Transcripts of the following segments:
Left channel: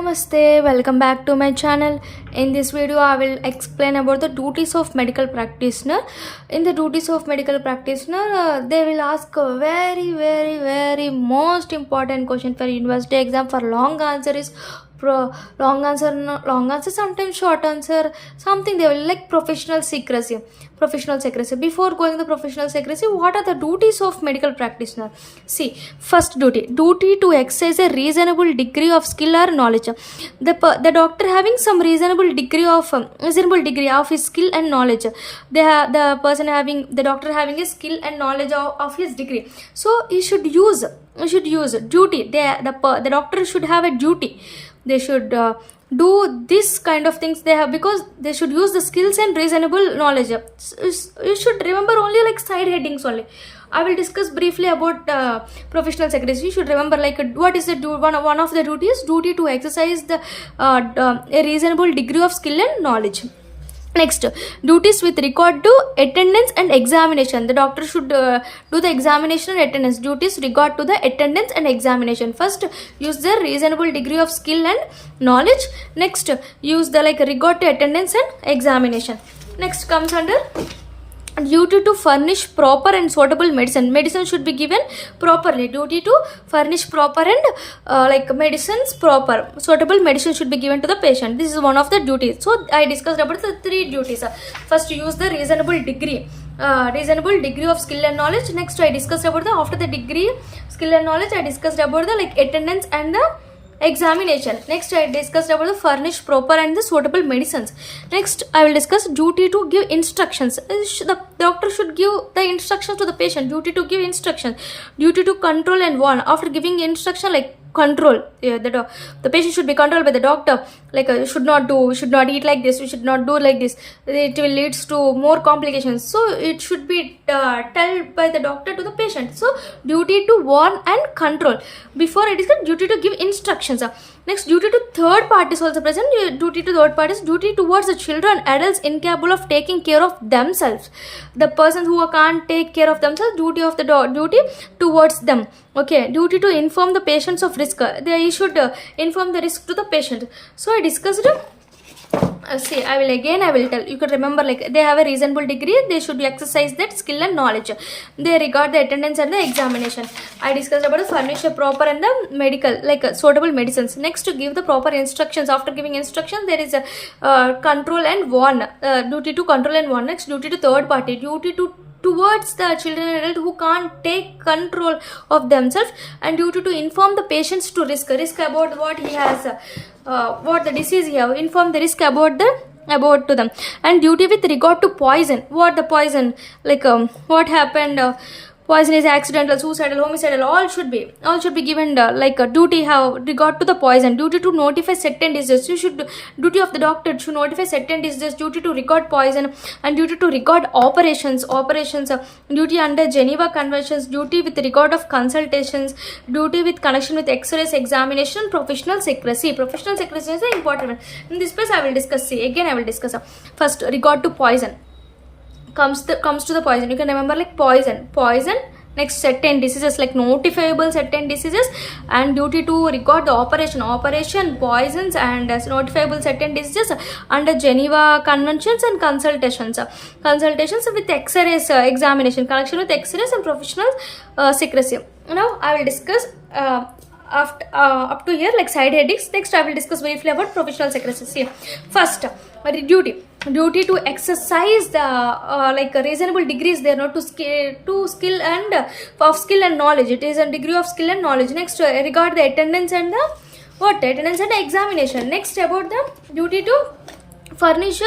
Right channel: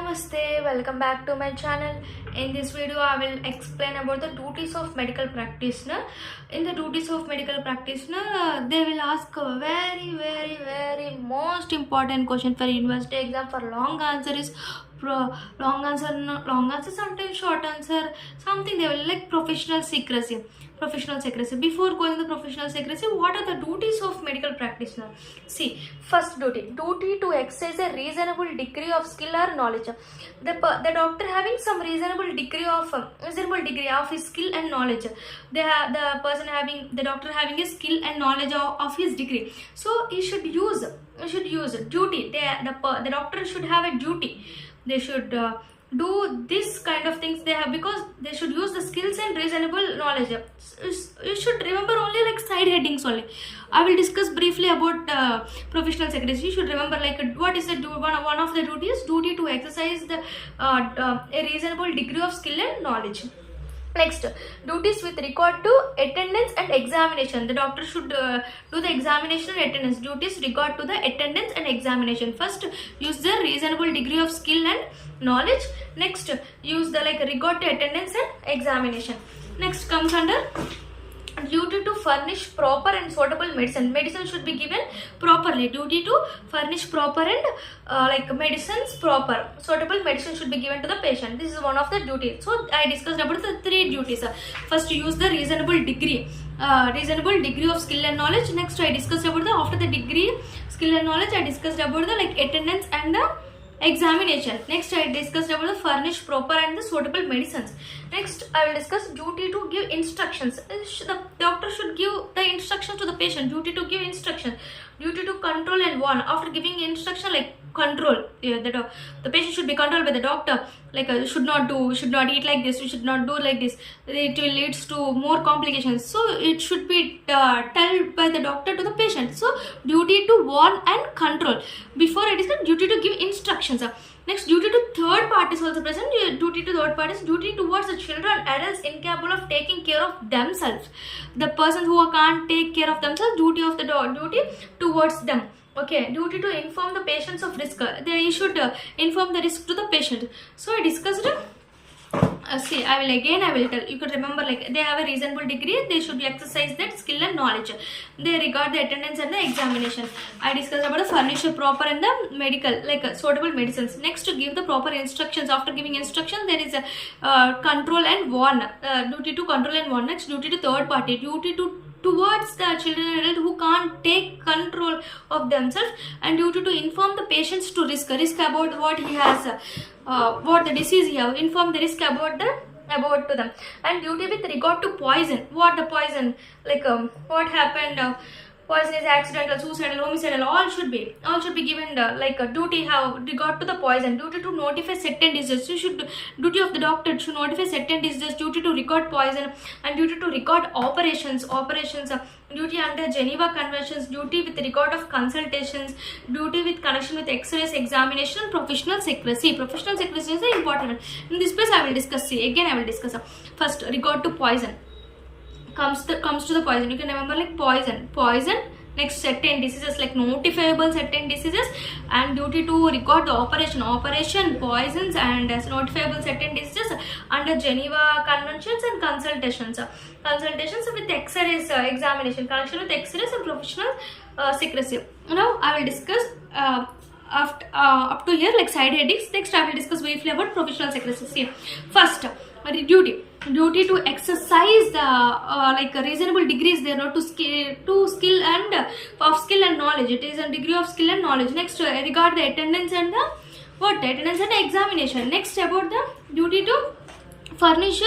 Namaste, welcome back to my channel. In this video I will explain about the duties of medical practitioner. In the duties of medical practitioner they will ask a very most important question for university exam. For long answer is long answer, long answer, sometimes short answer, something they will like professional secrecy. Before going to professional secrecy, what are the duties of medical practitioner? See, first duty to exercise a reasonable degree of skill or knowledge. The doctor having some reasonable degree of his skill and knowledge. The doctor having a skill and knowledge of his degree, so he should use duty. The doctor should have a duty. They should do this kind of things they have, because they should use the skills and reasonable knowledge. You should remember only like side headings only. I will discuss briefly about professional secretary. You should remember like what is the one of the duties. Duty to exercise the a reasonable degree of skill and knowledge. Next, duties with regard to attendance and examination. The doctor should do the examination and attendance. Duties regard to the attendance and examination. First, use the reasonable degree of skill and knowledge. Next, use the regard to attendance and examination. Next comes under duty to furnish proper and suitable medicine. Medicine should be given properly. Duty to furnish proper and medicines proper. Suitable medicine should be given to the patient. This is one of the duties. So I discussed about the three duties. First, use the reasonable degree of skill and knowledge. Next, I discussed about the after the degree skill and knowledge, I discussed about the attendance and the examination. Next, I discussed about the furnish proper and the suitable medicines. Next, I will discuss duty to give instructions. The doctor should give the instructions to the patient. Duty to give instructions. Duty to control and warn. After giving instruction, control, the patient should be controlled by the doctor. You should not eat like this, you should not do like this, it will leads to more complications. So it should be told by the doctor to the patient. So duty to warn and control. Before I discussed duty to give instructions. Next, duty to third parties also present. Duty to third parties, duty towards the children, adults incapable of taking care of themselves. The persons who can't take care of themselves, duty towards them. Okay, duty to inform the patients of risk. They should inform the risk to the patient. So I discussed see, I will tell. You could remember they have a reasonable degree. They should exercise that skill and knowledge. They regard the attendance and the examination. I discussed about the furnish proper and the medical suitable medicines. Next, to give the proper instructions. After giving instructions, there is a control and warn. Duty to control and warn. Next, duty to third party. Duty towards the children and adult who can't take control of themselves, and duty to inform the patients to risk about what he has, what the disease he have, inform the risk about to them. And duty with regard to poison. What the poison, what happened, poison is accidental, suicidal, homicidal, all should be given a duty have regard to the poison. Duty to notify certain diseases. Duty of the doctor to notify certain diseases. Duty to record poison, and duty to record operations. Duty under Geneva Conventions. Duty with regard of consultations. Duty with connection with X-rays examination. Professional secrecy is important. In this place I will discuss. First, regard to poison. Comes to the poison. You can remember poison. Next, certain diseases notifiable certain diseases, and duty to record the operation poisons and notifiable certain diseases under Geneva Conventions, and consultations with X-rays examination, connection with X-rays and professional secrecy. Now I will discuss up to here side headings. Next, I will discuss briefly about professional secrecy. See, first, duty to exercise the reasonable degrees there, not to skill and of skill and knowledge. It is a degree of skill and knowledge. Next, regard the attendance and attendance and examination. Next, about the duty to furnish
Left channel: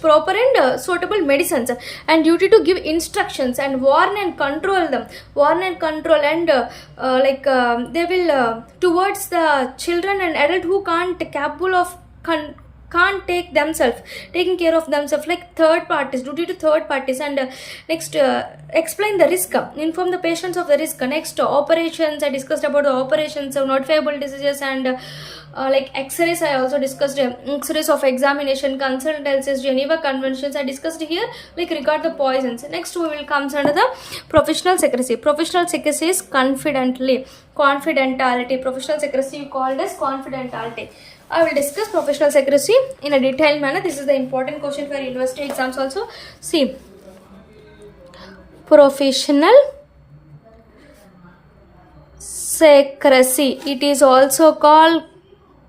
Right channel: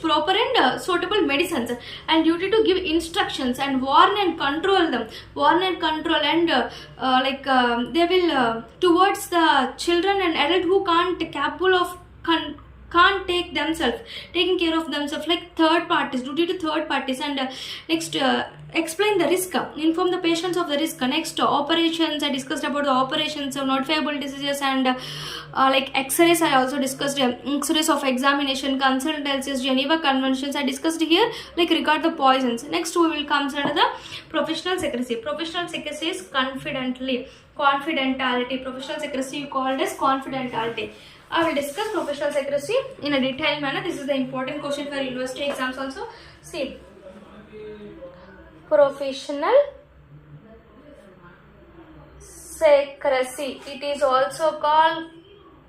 proper and suitable medicines, and duty to give instructions and warn and control them. And they will towards the children and adult who can't capable of can't taking care of themselves, third parties. Duty to third parties. And next, explain the risk, inform the patients of the risk. Next, operations. I discussed about the operations of notifiable diseases, and X-rays. I also discussed X-rays of examination, consultancies, Geneva Conventions. I discussed here regard the poisons. Next, we will come under the professional secrecy. Professional secrecy is confidentiality confidentiality. Professional secrecy called as confidentiality. I will discuss professional secrecy in a detailed manner. This is the important question for university exams also. See, professional secrecy. It is also called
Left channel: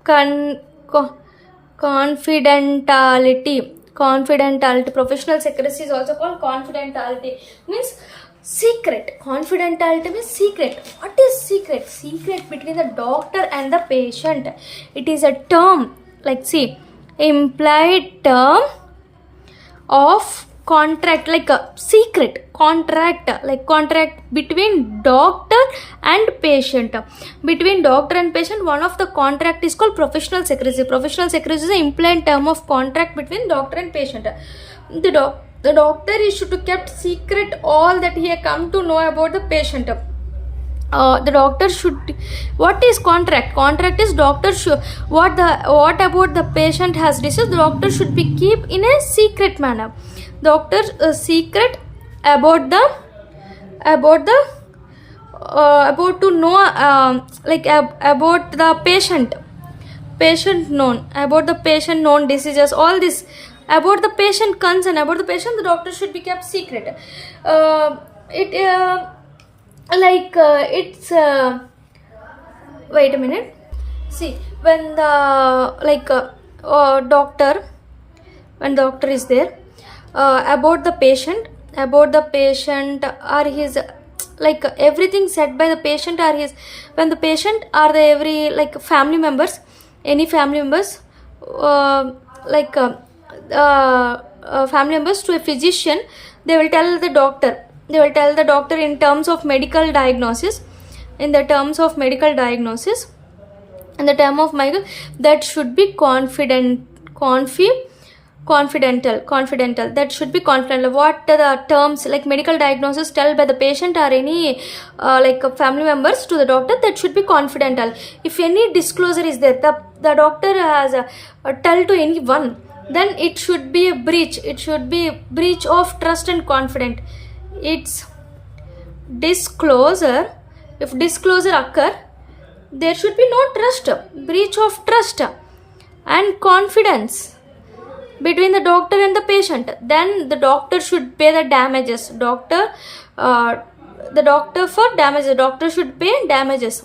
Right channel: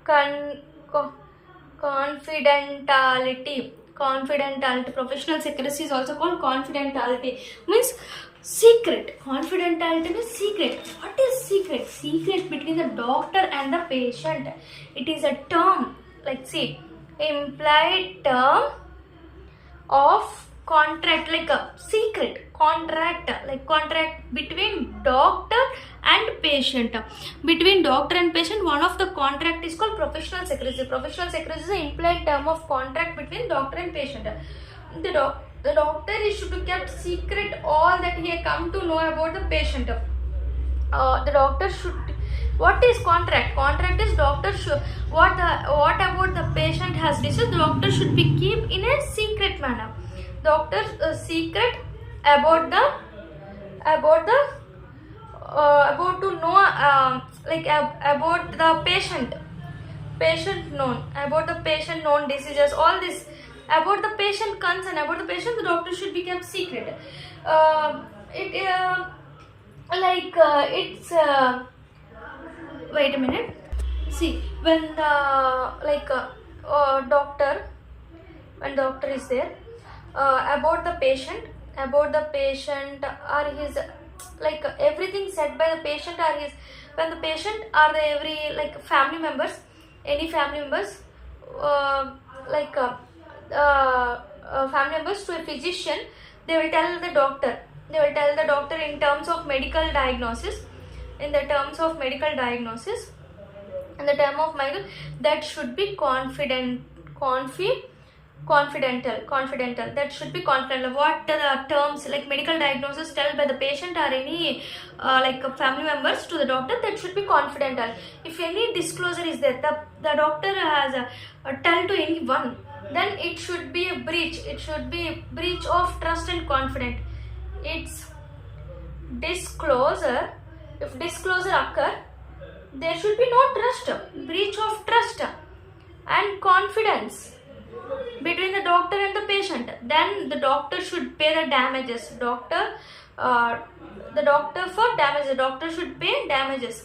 confidentiality. Confidentiality. Professional secrecy is also called confidentiality. Means secret. Confidentiality means secret. What is secret? Secret between the doctor and the patient. It is a term, like see, implied term of contract, like a secret contract, like contract between doctor and patient. Between doctor and patient, one of the contract is called professional secrecy. Professional secrecy is an implied term of contract between doctor and patient. The doctor is to keep secret all that he had come to know about the patient. The doctor should. What is contract? Contract is doctor should. What about the patient has disease? The doctor should be keep in a secret manner. Doctor secret about to know about the patient known, about the patient known diseases, all this about the patient concern, about the patient, the doctor should be kept secret. It's wait a minute. See, when the doctor is there, about the patient or his, like everything said by the patient or his, when the patient or the every like family members, any family members, family members to a physician, they will tell the doctor in terms of medical diagnosis, in the term of medical, that should be confidential, that should be confidential. What the terms like medical diagnosis tell by the patient or any family members to the doctor, that should be confidential. If any disclosure is there, the doctor has tell to anyone, then it should be a breach. It should be breach of trust and confidence. It's disclosure. If disclosure occur, there should be no trust, breach of trust and confidence between the doctor and the patient. Then the doctor should pay the damages. Doctor should pay damages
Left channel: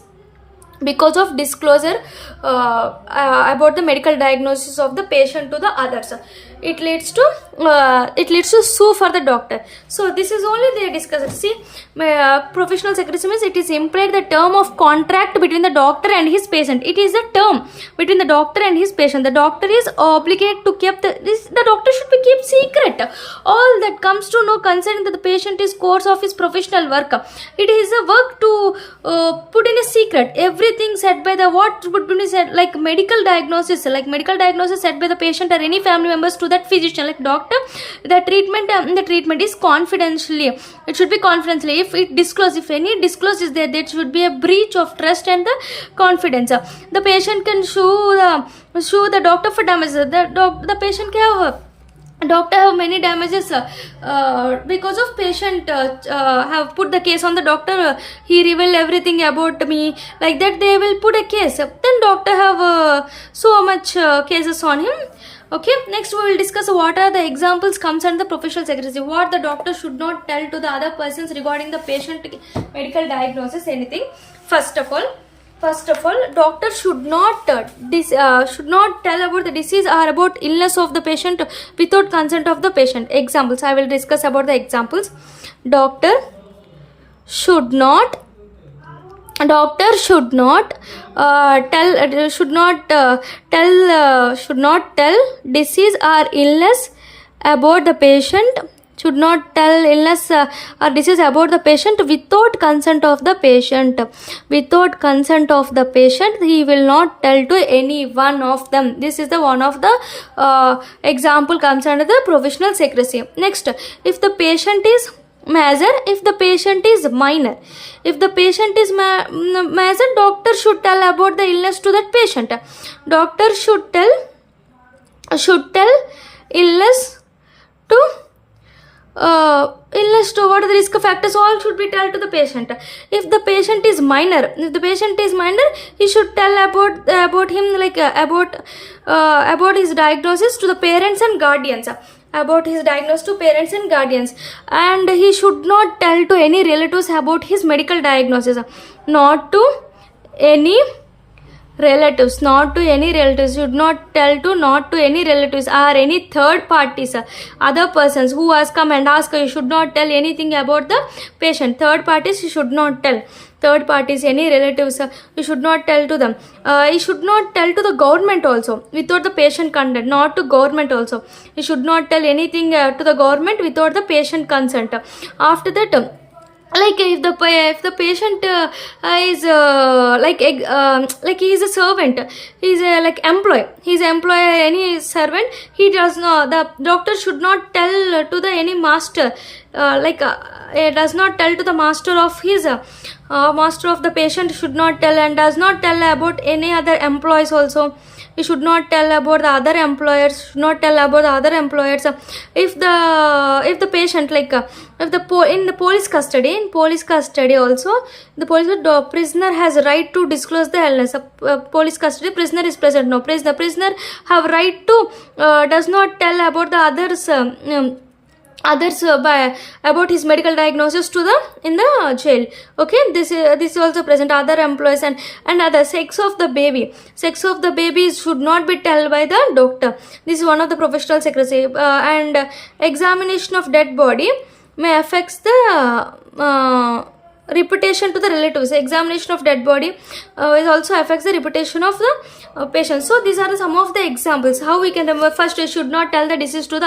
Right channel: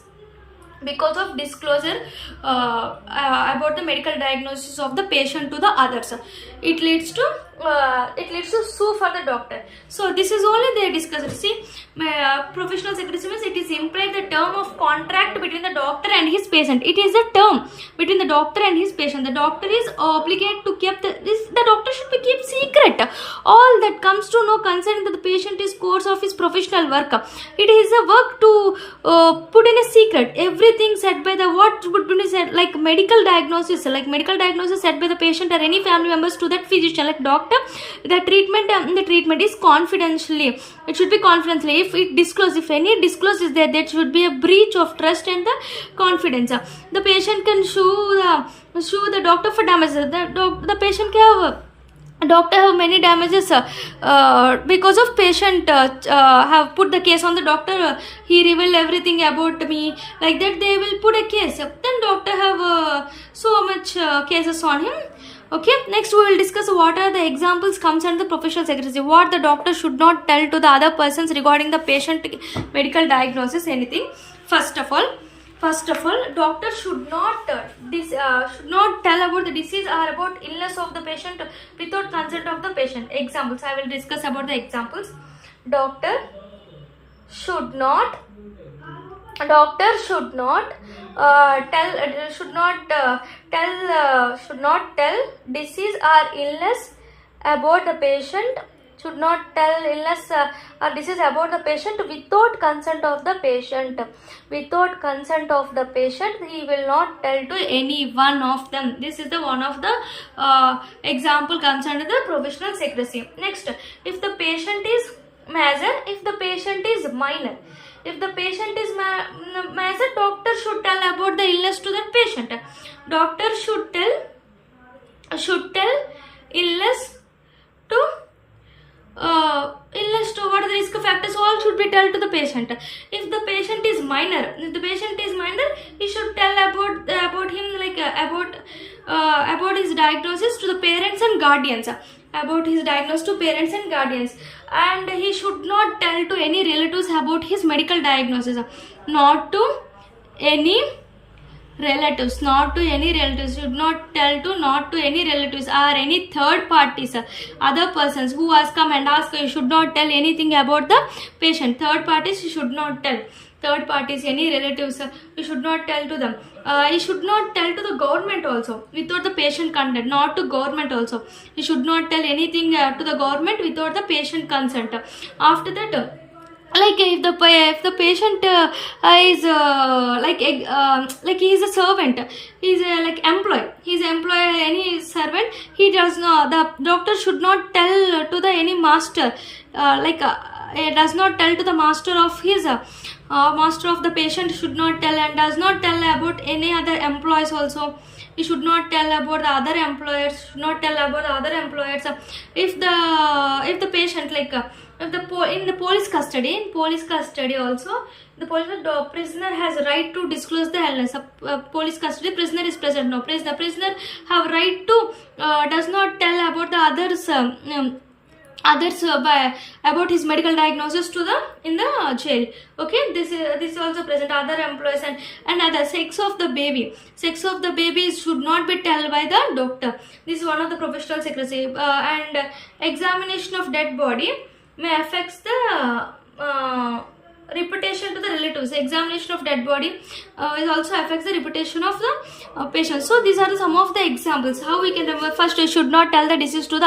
because of disclosure about the medical diagnosis of the patient to the others. It leads to sue for the doctor. So this is only they discussed. See, professional secrecy means it is implied the term of contract between the doctor and his patient. It is a term between the doctor and his patient. The doctor is obligated to keep the doctor should be keep secret all that comes to know concerning the patient is course of his professional work. It is a work to put in a secret everything said by the what would be said, like medical diagnosis said by the patient or any family members to that physician, like doctor. The treatment is confidentially. It should be confidentially. If any disclose is there, there should be a breach of trust and the confidence. The patient can sue the doctor for damages. The patient can have doctor have many damages because of patient have put the case on the doctor. He revealed everything about me, like that they will put a case. Then doctor have so much cases on him. Okay, next we will discuss what are the examples comes under the professional secrecy. What the doctor should not tell to the other persons regarding the patient medical diagnosis, anything. First of all, doctor should not tell about the disease or about illness of the patient without consent of the patient. Examples, I will discuss about the examples. Doctor should not tell disease or illness about the patient. Should not tell illness or disease about the patient without consent of the patient. Without consent of the patient, he will not tell to any one of them. This is the one of the example comes under the professional secrecy. Next, if the patient is major, if the patient is minor. If the patient is major, doctor should tell about the illness to that patient. Doctor should tell illness to illness to what are the risk factors, all should be told to the patient. If the patient is minor, he should tell about him, like about his diagnosis to the parents and guardians, about his diagnosis to parents and guardians. And he should not tell to any relatives about his medical diagnosis, not to any relatives, should not tell to, not to any relatives or any third parties, other persons who has come and asked. You should not tell anything about the patient. Third parties you should not tell. Third parties, any relatives, you should not tell to them. You should not tell to the government also without the patient consent. Not to government also, you should not tell anything to the government without the patient consent. After that, like if the patient is like he is a servant, he is like employee, he is employee, any servant, he does not, the doctor should not tell to the any master, does not tell to the master of his master of the patient, should not tell, and does not tell about any other employees also. He should not tell about the other employers, should not tell about the other employers. If the patient, like if in the police custody, also, the prisoner has right to disclose the illness. Police custody, prisoner is present, no, the prisoner have right to does not tell about the others by about his medical diagnosis to the in the jail. Okay, this is also present, other employees. And other sex of the baby should not be told by the doctor. This is one of the professional secrecy. And examination of dead body may affect the reputation to the relatives. Examination of dead body is also affects the reputation of the patient. So these are some of the examples how we can remember. First, we should not tell the disease to the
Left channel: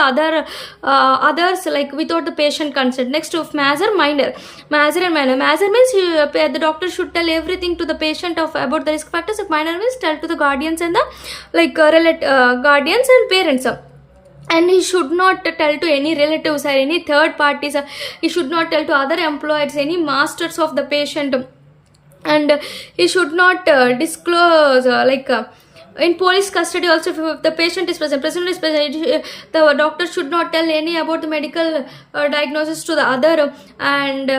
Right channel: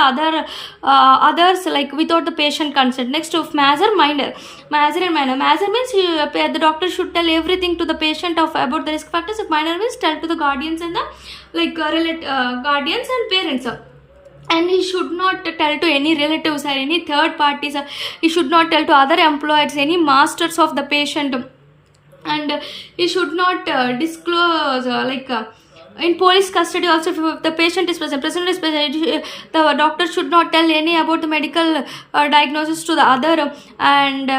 others, like without the patient consent. Next, of major and minor. Major means the doctor should tell everything to the patient of about the risk factors. If minor means tell to the guardians and the guardians and parents. And he should not tell to any relatives or any third parties. He should not tell to other employers, any masters of the patient. And he should not disclose in police custody also. If the patient is present, the doctor should not tell any about the medical diagnosis to the other. And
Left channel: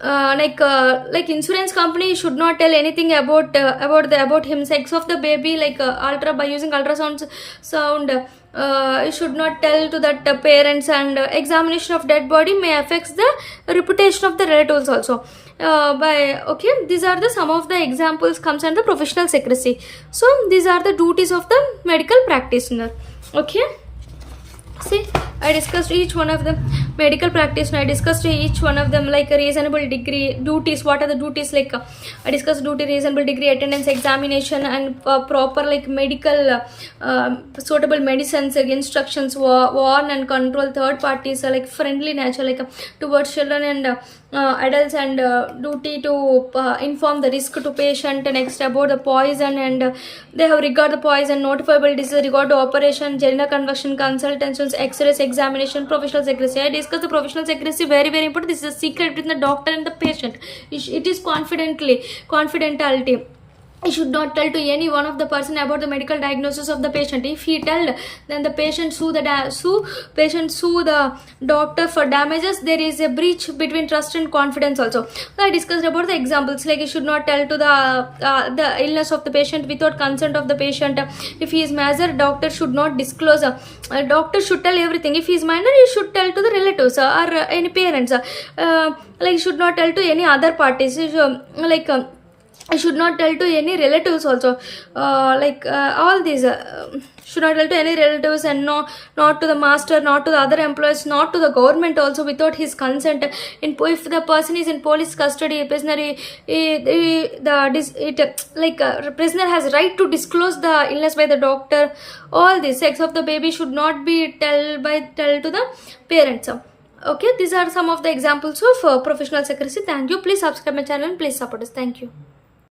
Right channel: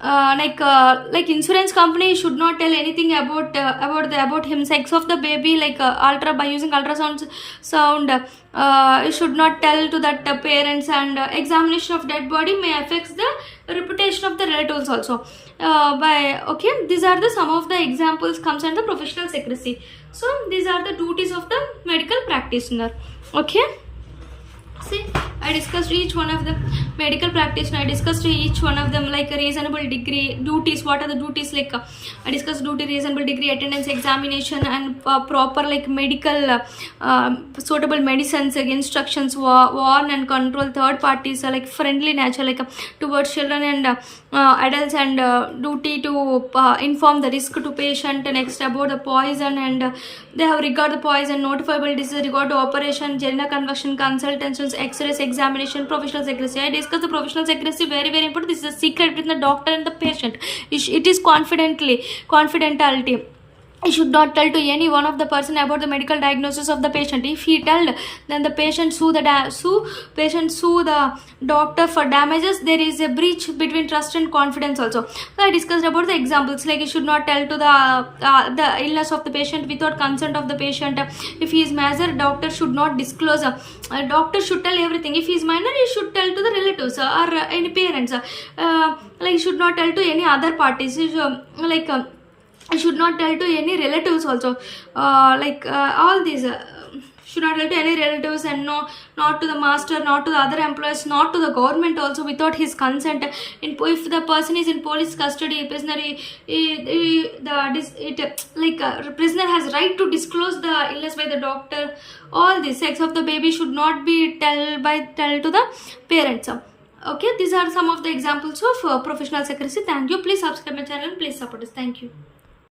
like insurance company should not tell anything about him. Sex of the baby, like by using ultrasound you should not tell to that parents. And examination of dead body may affects the reputation of the relatives also. These are the some of the examples comes under professional secrecy. So these are the duties of the medical practitioner. Okay, see, I discussed each one of them. Medical practitioner, I discussed each one of them, like a reasonable degree, duties. What are the duties? Like I discussed duty, reasonable degree, attendance, examination, and proper like medical suitable medicines, instructions, warn and control third parties, like friendly nature, like towards children and adults, and duty to inform the risk to patient. Next, about the poison, and they have regard the poison, notifiable disease, regard to operation, general convection, consultations, x-rays, examination, professional secrecy. I discuss the professional secrecy, very very important. This is a secret between the doctor and the patient. It is confidentiality. He should not tell to any one of the person about the medical diagnosis of the patient. If he tell, then the patient sue the doctor for damages. There is a breach between trust and confidence also. So I discussed about the examples, like he should not tell to the illness of the patient without consent of the patient. If he is major, doctor should not disclose. Doctor should tell everything. If he is minor, he should tell to the relatives or any parents. He should not tell to any other parties. I should not tell to any relatives also. All these should not tell to any relatives, and not to the master, not to the other employees, not to the government also without his consent. If the person is in police custody, prisoner, prisoner has right to disclose the illness by the doctor. All this. Sex of the baby should not be tell to the parents. Okay, these are some of the examples of professional secrecy. Thank you. Please subscribe my channel and please support us. Thank you.